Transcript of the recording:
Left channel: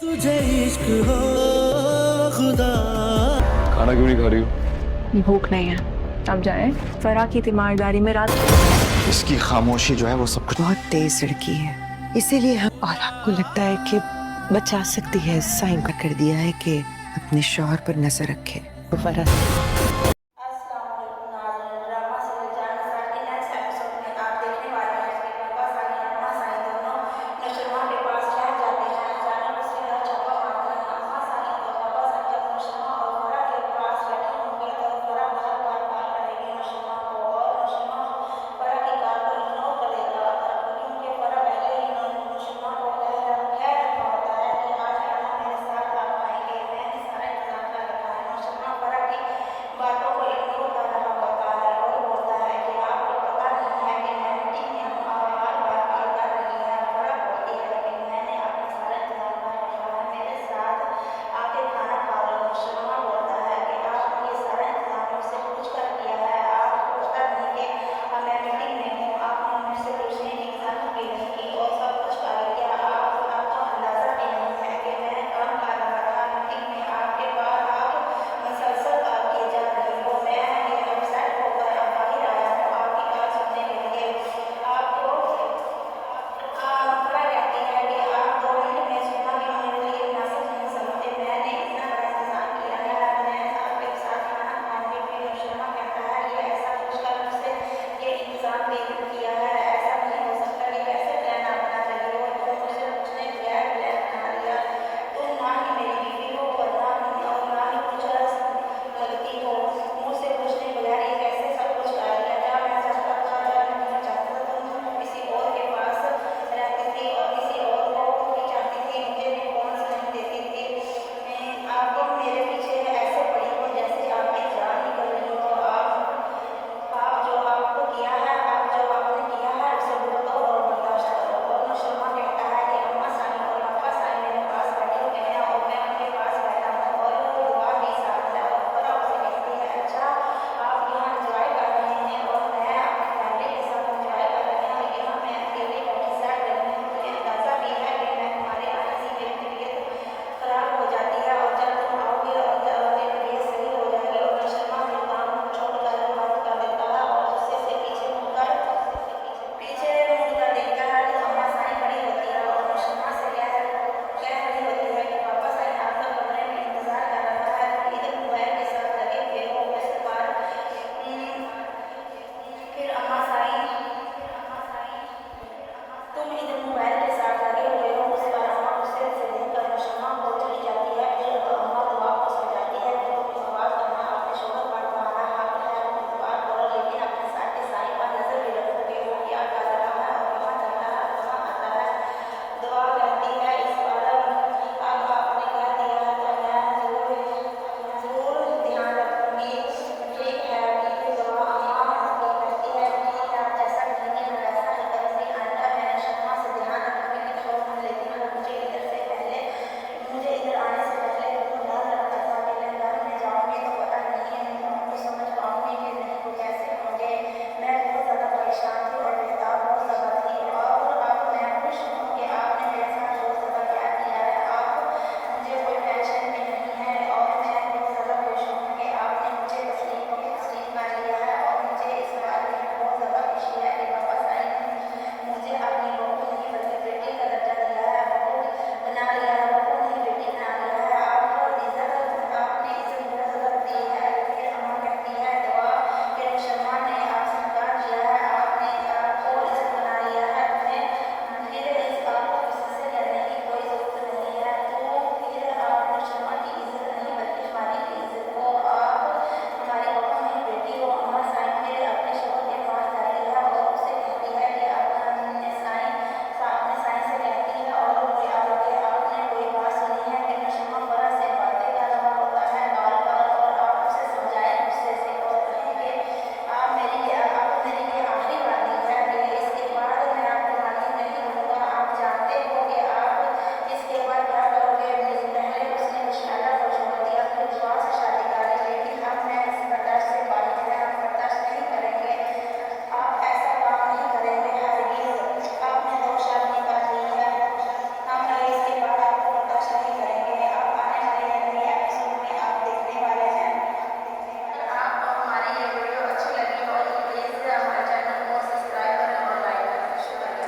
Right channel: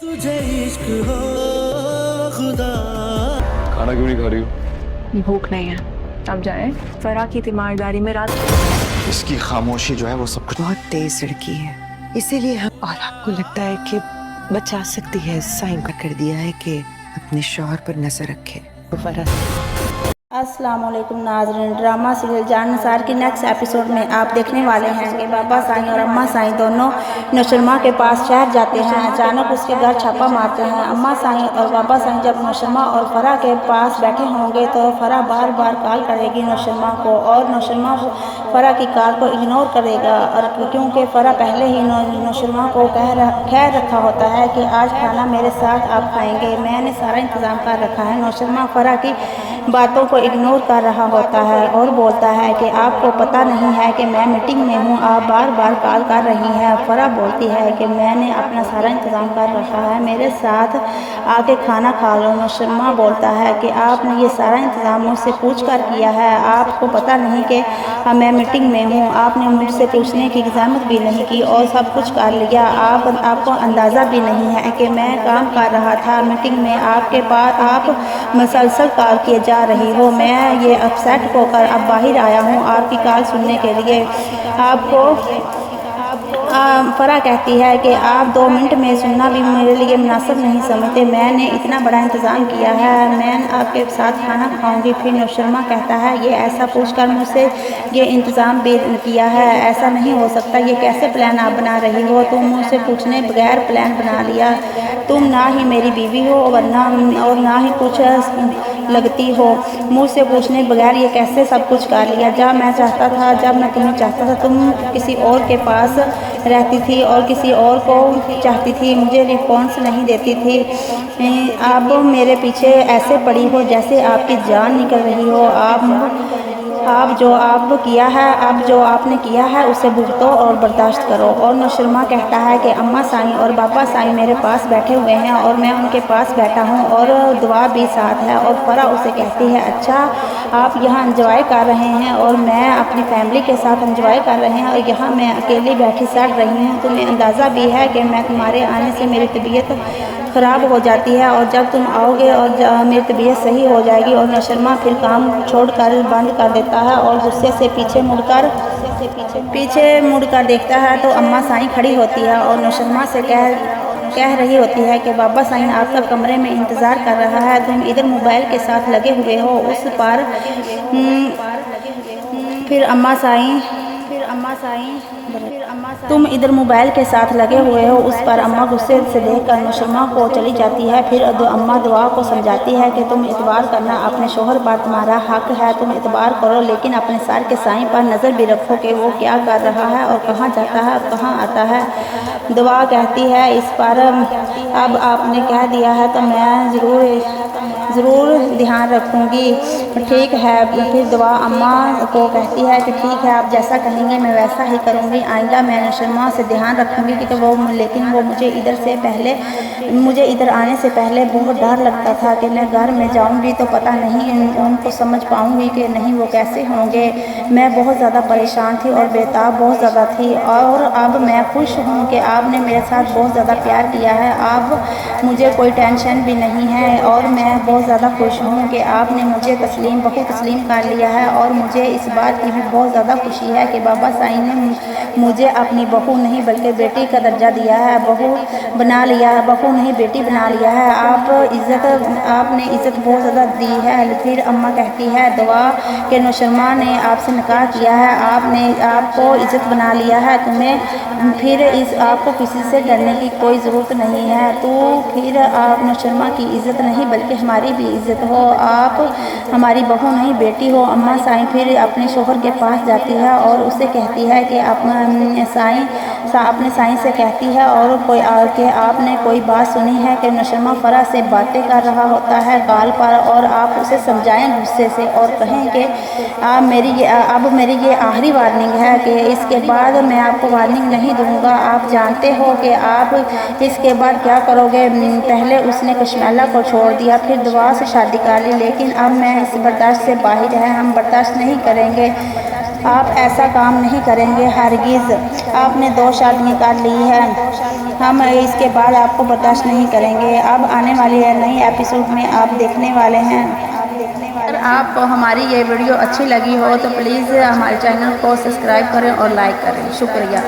तुझे इश्क हो खुदा। खाना क्यों नहीं खा रही हो? भूख नहीं है। अब जाए। फरा की तीमारदारी में रात इसकी खामोशी जो है वो सब कुछ। बहुत तेज लड़की है, इसीलिए हम और आपको लगता है कि बचा सकती है। साइन का कर दिया है कि अपने शौहर पर नजर रखे। अस्सलाम वालेकुम नाज़रीन, ड्रामा सीरियल जान निसार की नेक्स्ट एपिसोड में आप देखने वाले हैं कि बाबा साईं और अम्मा साईं दोनों नौशरमा के पास शहर जाते हैं। अचानक उसके घर छापा मारते हैं। अम्मा साईं और बाबा साईं जब नौशरमा और फरा के पास बैठे होंगे तो फरा बार बार कॉल करेगी नौशरमा को और नौशरमा फरा की कॉल को इग्नोर करेगा। और क्योंकि फरा पहले ही नौशरमा को कह रखा होता है कि आज खाना मेरे साथ आप खाएंगे, मैंने सारा इंतज़ाम कर रखा है। नौशरमा फरा की बातों को इग्नोर कर रहा होता है और बोलता है कि आपको पता नहीं है कि मैं मीटिंग में हूँ, आप बार बार कॉल कर रही हैं। फरा बोलती है कि मैंने अपना सारा इंतज़ाम कर रखा है, मेरे साथ आके खाना खा लो। नौशरमा बोलता है कि आपने ये सारा इंतज़ाम मुझसे पूछ कर किया है, आपको पता नहीं कि मैं मीटिंग में हूँ, आपने मुझसे पूछने की ज़हमत भी नहीं की और सब कुछ कर लिया। आपको अंदाज़ा भी नहीं है कि मैं काम कर रहा था मीटिंग में, आपके पास आप मसलसल कॉल किए जा रही हो। मैं ये अपसेट होकर अब बाहर आया हूँ आपकी कॉल सुनने के लिए। आपको फरा कहती है कि आप 2 मिनट में सुनना भी मेरे लिए मुनासिब नहीं समझते, मैंने इतना बड़ा इंतज़ाम किया है, मैं आपके साथ खाना खाऊंगी। फिर नौशरमा कहता है ये ऐसा पूछकर मुझसे ये इंतज़ाम भी किया है, ऐसा नहीं हो सकता, ये कैसे प्लान आप बना रही हो, तुम मुझसे पूछने बगैर प्लान बना लिया, तुम ना ही मेरी बीवी हो और ना ही कुछ लगती हो, मुझसे पूछने बगैर ये कैसे सब कुछ कर लिया। जब मैं तुम्हें चाहता था तुम किसी और के पास रहती थी और किसी और को चाहती थी, मुझे रिस्पॉन्स नहीं देती थी। आप मेरे पीछे ऐसे पड़ी हो जैसे आपकी जान निकल रही हो। आप जो आपने किया है उसे भुगतो और बर्दाश्त करो। और नौशरमा कहता है कि अम्मा साईं और बाबा साईं मेरे पास बैठे हुए हैं और मैं उनके पास बैठा हूँ और दुआ भी साथ है। और फरा उसे कहती है अच्छा आप यहाँ एंजॉय कर रहे हैं और मैं अपनी फैमिली के साथ एंजॉय कर रहे हैं और यहाँ मैं अकेली बैठी सड़ रही हूँ, तुम्हें अंदाज़ा भी है कि मैं तुम्हारे आने से मेरी तबीयत ख़राब हो जाती है और जब तुम आओगे और मेरी तबीयत सही हो जाएगी। और नौशरमा फिर काम छोड़कर बंद कर देता है और गुस्से से पीछे मुड़कर देखता है तो अम्मा साईं खड़ी होती है और नौशरमा से कह रही होती है कि बाबा साईं आपका कमरे में इंतज़ार कर रहा है, तुम इधर मोबाइल के साथ लगे हुए हो उस पर। फिर अम्मा साईं तुम इधर मोबाइल के साथ लगे हुए हो उस पर। अम्मा गुस्से से देखकर नौशरमा को चली जाती है। फिर अम्मा दुआ को समझाती है कि तुम इतबार करना, अपने शोहर पर तुम्हारा हक है, तुम इतबार करो, लेकिन अपने सर के साईं पर नज़र भी रखो कि वो क्या कर रहा है और कहाँ जाता है और कहाँ आता है। दुआ कहती है इस पर अब आपने कह दिया है तो मैं ज़रूर ध्यान रखूँगी, ठीक है। फिर दुआ अम्मा को कहती है कि ठीक है आप जैसा कहेंगे मैं वैसा ही करूँगी, आइंदा मैं नौशरमा से ध्यान रखूँगी लेकिन वो मुझे इधर आने से पहले बहुत डर लगता था कि मैं घर में जाऊँगी तो पता नहीं उनको समझ पाऊँगी कि नहीं, वो कैसे होंगे। मैं बहुत ज़्यादा परेशान थी और बेताब बहुत ज़्यादा थी और अब मैं खुश हूँ कि आपने मेरे साथ बहुत ज़्यादा प्यार किया है, अब मुझे कोई टेंशन भी नहीं है और मैं बहुत ज़्यादा खुश हूँ कि आपने मुझे तस्लीम कर लिया है। और मुझे इस बात की भी बहुत ज़्यादा खुशी है कि बाबा साईं ने मुझे अपनी बहू नहीं बल्कि बेटी का दर्जा दिया है, बहू नहीं बेटी बना लिया है। आपने इज़्ज़त बहुत ज़्यादा दी है। फिर अम्मा कहती है दुआ कि नौशरमा ने आपसे निकाह किया है, आपको इज़्ज़त बना लिया है, तुम्हें फिर आपको किसी से डरने की कोई ज़रूरत नहीं है। तो फिर आप नौशरमा की इज़्ज़त नहीं बल्कि हमारी भी इज़्ज़त हो, आप हमारी बहू नहीं बेटी हो। अम्मा साईं फिर अपने शोहर के पास जाती है और उसे कहती है कि अपने साईं से कहती है और आपने कोई बात सुनी है कि नौशरमा फरा से बातें कर रहा होता है कॉल पर और आप उसे समझाएं गुस्से से और कहें कि अब मेरी ये आखिरी वार्निंग है कि इसके बाद मैं आपको वार्निंग नहीं दूंगा, आप जानते हो कि आप इसके बाद क्या करोगे। पहले उसने कश्मीला को छोड़ दिया, फिर दुआ से शादी कर ली, लेकिन अब मैं इस बर्दाश्त से बाहर है, हम बर्दाश्त नहीं करेंगे, आप ऐसा काम नहीं करेंगे हरगिज़। आपने 2 शादियाँ कर ली हैं हम इसके बाद आपको बर्दाश्त नहीं करेंगे। अब आने वाली नई एपिसोड में आप देखने वाले हैं। अगर आप हमारी ये वीडियो अच्छी लगी हो तो प्लीज़ हमारे चैनल को सब्सक्राइब करें और लाइक करें। शुक्रिया।